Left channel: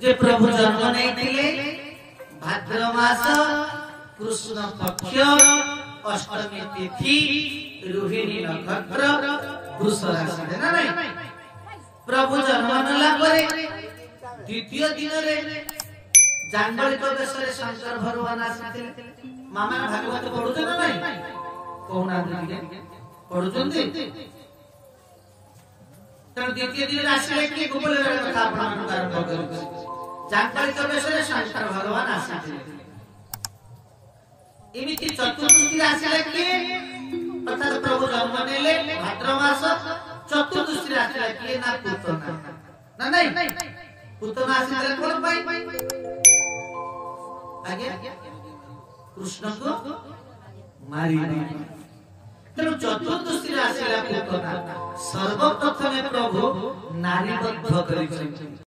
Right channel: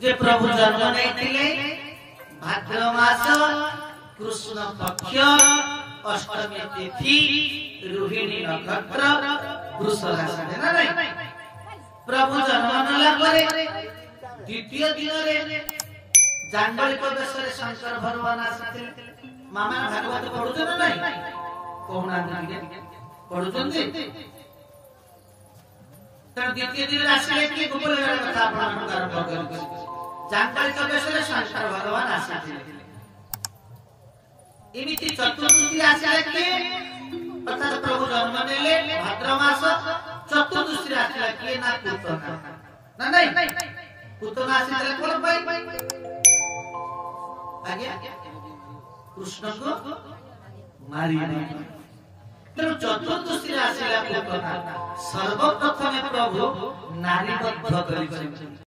जे प्रभु जन्म नहीं भाद्र मास कृष्ण पक्ष अष्टमी तिथि रोहिणी नक्षत्र वृष राशि ना नहीं प्रभु जन्म नेला द्वितीय दिन जांगलिक देश शंकर भगवान आसी मामा भागवत पढ़ुच ना नहीं कहना पढ़ुं द्वितीय दिन आसिले कि गोपाल कथा आरंभ कर जांगलिक देश शंकर भगवान आसी एमती चतुर्दशी आसिले कि अर्थात प्रभु जन्म नेले भाद्र मास चतुर्दशी आसिले कि ना पूतना ना नहीं पूतना आसिले कोन भाई आगे कृष्ण को मारी तेणु चतुर्दशी आसिला पूतना सर्वप्रथम प्रभु नारीबद्ध करिसें।